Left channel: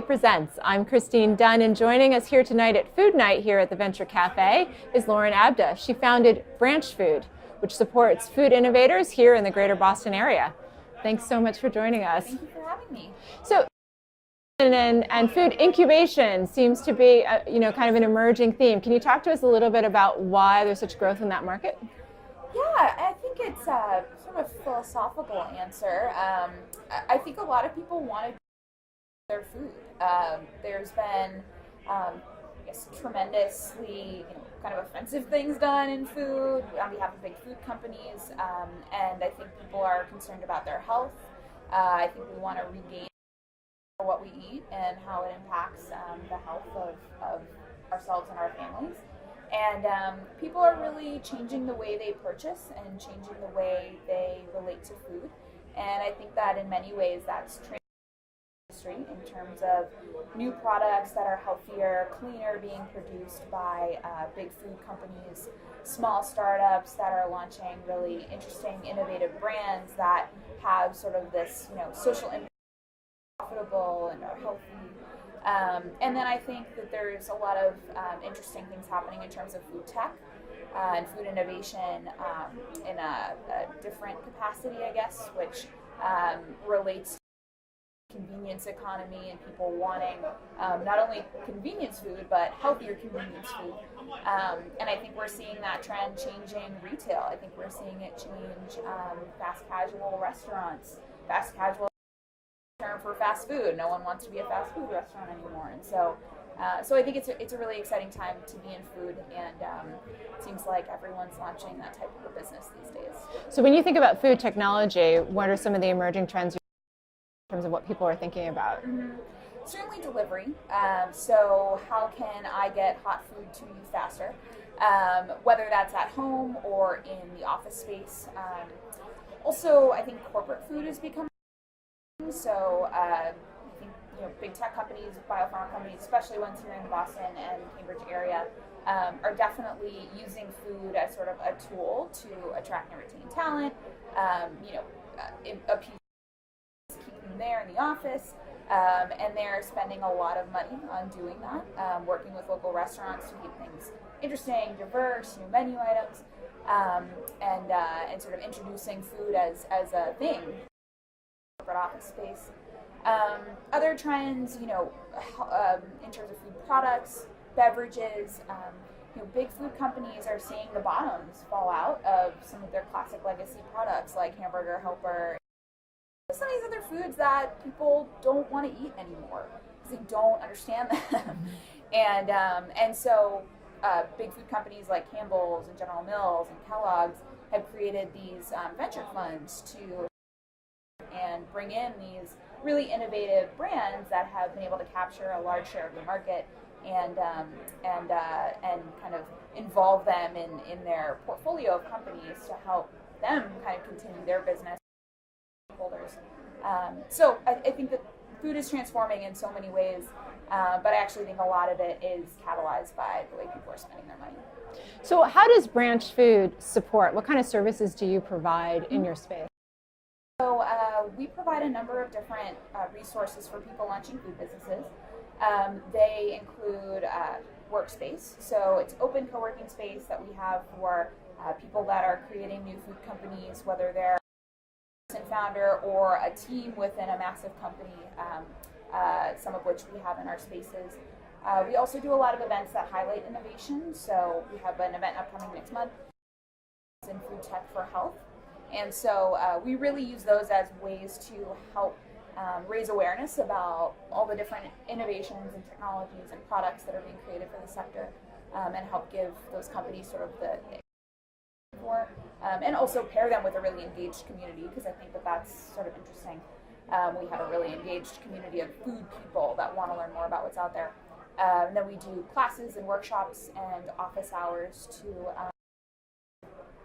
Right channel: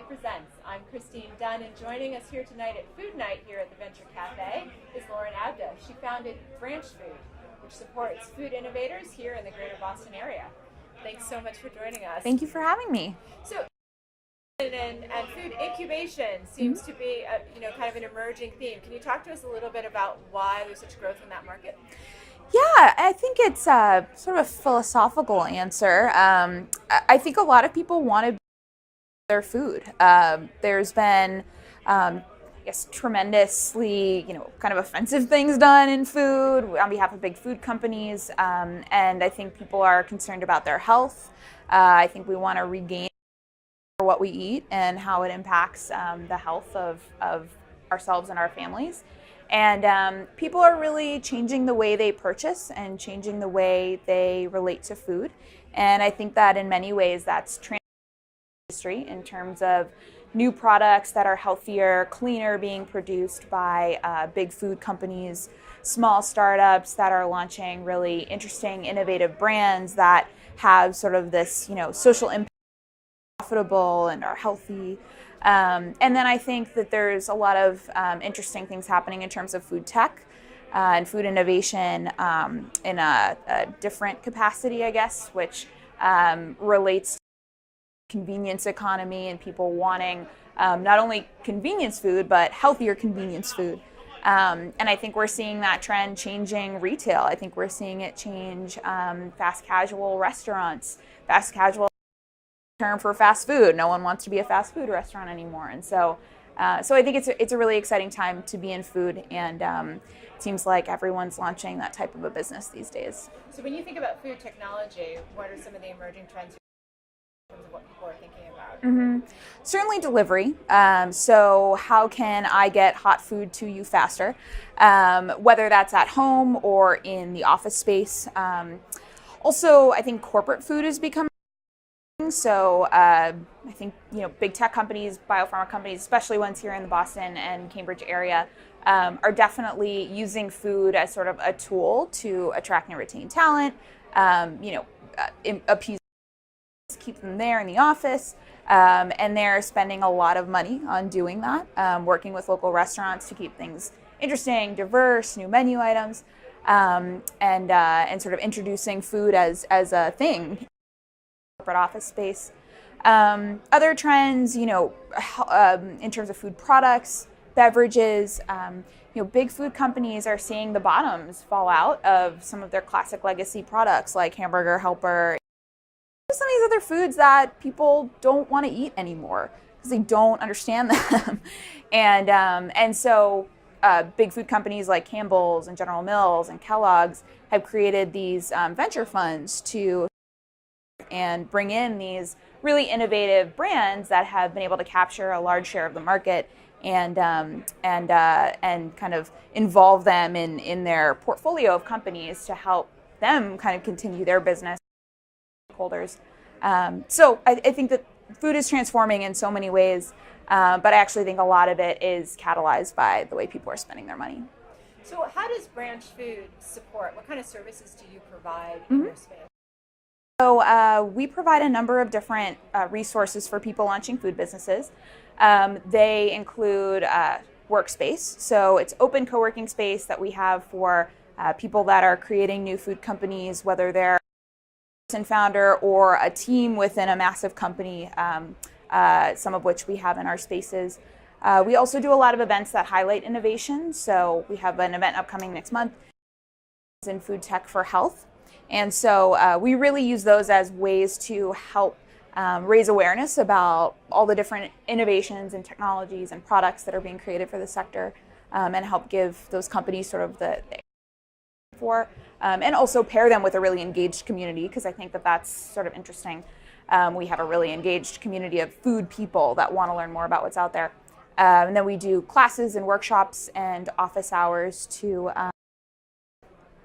Presents. I'm Christine Dunn, and joining us here tonight at Food Night here at the Venture Cafe is Lauren Abda. She founded Branchfood, which supports food innovators here in the greater Boston area. Thanks so much for joining us. Thank you for having me. So, and food incubation seems to be kind of an emerging theme. Can you talk to us a little bit about why there's such growth in that market? Yeah, I think it's sort of a philosophical answer. I think a lot of people want to their food. There's been, I guess, tremendously, kind of offensive things done in food on behalf of big food companies, and I think people are concerned about their health. I think we want to regain what we eat and how it impacts the health of ourselves and our families. And people are really changing the way they purchase and changing the way they relate to food. And I think that in many ways that's in terms of new products that are healthier, cleaner being produced by big food companies, small startups that are launching really interesting, innovative brands that have sort of this, social impact, profitable and are healthy. And then I think that there's a lot of interesting things happening in terms of food tech and food innovation in a different capacity, I guess, which relates to convenience economy and people wanting not only convenience food but healthier convenience food, and I think we're seeing that trend changing retail. I think we're seeing it change fast casual restaurants. Fast casual term for fast food. No one wants to be a fast food restaurant anymore, and so I think it's a really exciting time to be in food, and it seems like everyone's launching that type of a business these days. So when you think about food technology, what are some of the emerging trends in terms of what people are thinking about? Mm-hmm. Certainly delivery. So how can I get hot food to you faster? Whether that's at home or in the office space. Also, I think corporate food is becoming. So I think big tech companies, biopharma companies, especially ones here in the Boston and Cambridge area, are definitely using food as sort of a tool to attract and retain talent. Appease, keep them there in the office, and they're spending a lot of money on doing that, working with local restaurants to keep things interesting, diverse, new menu items, and sort of introducing food as a thing in corporate office space. Other trends, in terms of food products, beverages, big food companies are seeing the bottoms fall out of some of their classic legacy products like Hamburger Helper. Some of these other foods that people don't want to eat anymore because they don't understand them. and so big food companies like Campbell's and General Mills and Kellogg's have created these venture funds to and bring in these really innovative brands that have been able to capture a large share of the market and kind of involve them in their portfolio of companies to help them kind of continue their business. Holders. So I think that food is transforming in so many ways, but I actually think a lot of it is catalyzed by the way people are spending their money. So how does Branchfood support? What kind of services do you provide in your space? So we provide a number of different resources for people launching food businesses. They include workspace. So it's open co-working space that we have for people that are creating new food companies, whether they're founder or a team within a massive company, some of which we have in our spaces. We also do a lot of events that highlight innovation. So we have an event upcoming next month in food tech for health. And so we really use those as ways to help raise awareness about all the different innovations and technologies and products that are being created for the sector, and help give those companies sort of the for, and also pair them with a really engaged community, because I think that that's sort of interesting. We have a really engaged community of food people that want to learn more about what's out there. And then we do classes and workshops and office hours to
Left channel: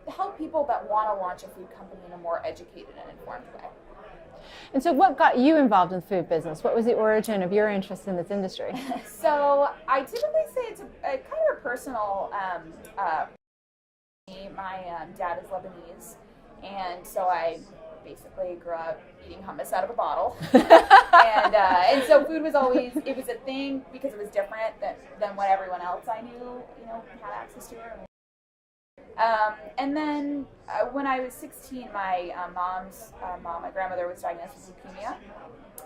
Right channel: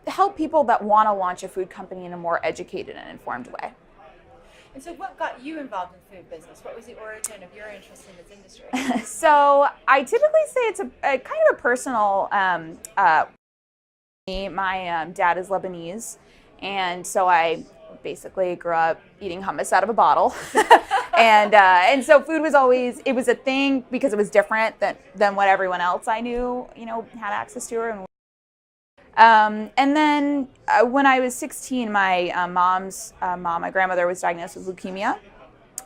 help people that want to launch a food company in a more educated and informed way. And so what got you involved in food business? What was the origin of your interest in this industry? So I typically say it's a kind of a personal, my dad is Lebanese, and so I basically grew up eating hummus out of a bottle. And so food was always, it was a thing because it was different than what everyone else I knew, had access to. And then when I was 16, my mom's mom, my grandmother, was diagnosed with leukemia.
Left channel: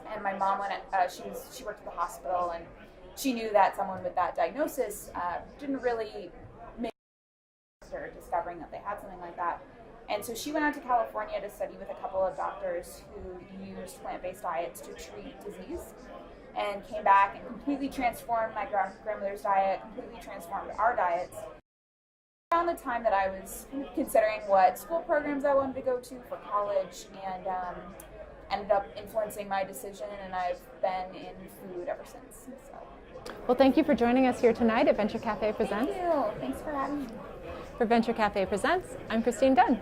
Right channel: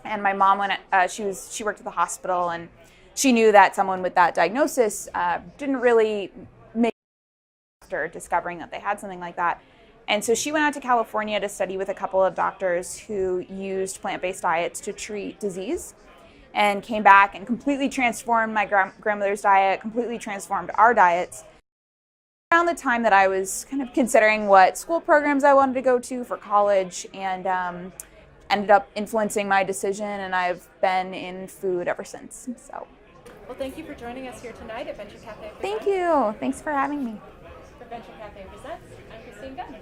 And my mom she worked at the hospital, and she knew that someone with that diagnosis didn't really make after discovering that they had something like that. And so she went out to California to study with a couple of doctors who used plant-based diets to treat disease, and came back and completely transformed my grandmother's diet, completely transformed our diets. Around the time that I was kind of considering what school programs I wanted to go to for college, and ended up influencing my decision, and I've been in food ever since. So, well, thank you for joining us here tonight at Venture Cafe Presents. Thank you. Thanks for having me. For Venture Cafe Presents, I'm Christine Dunn.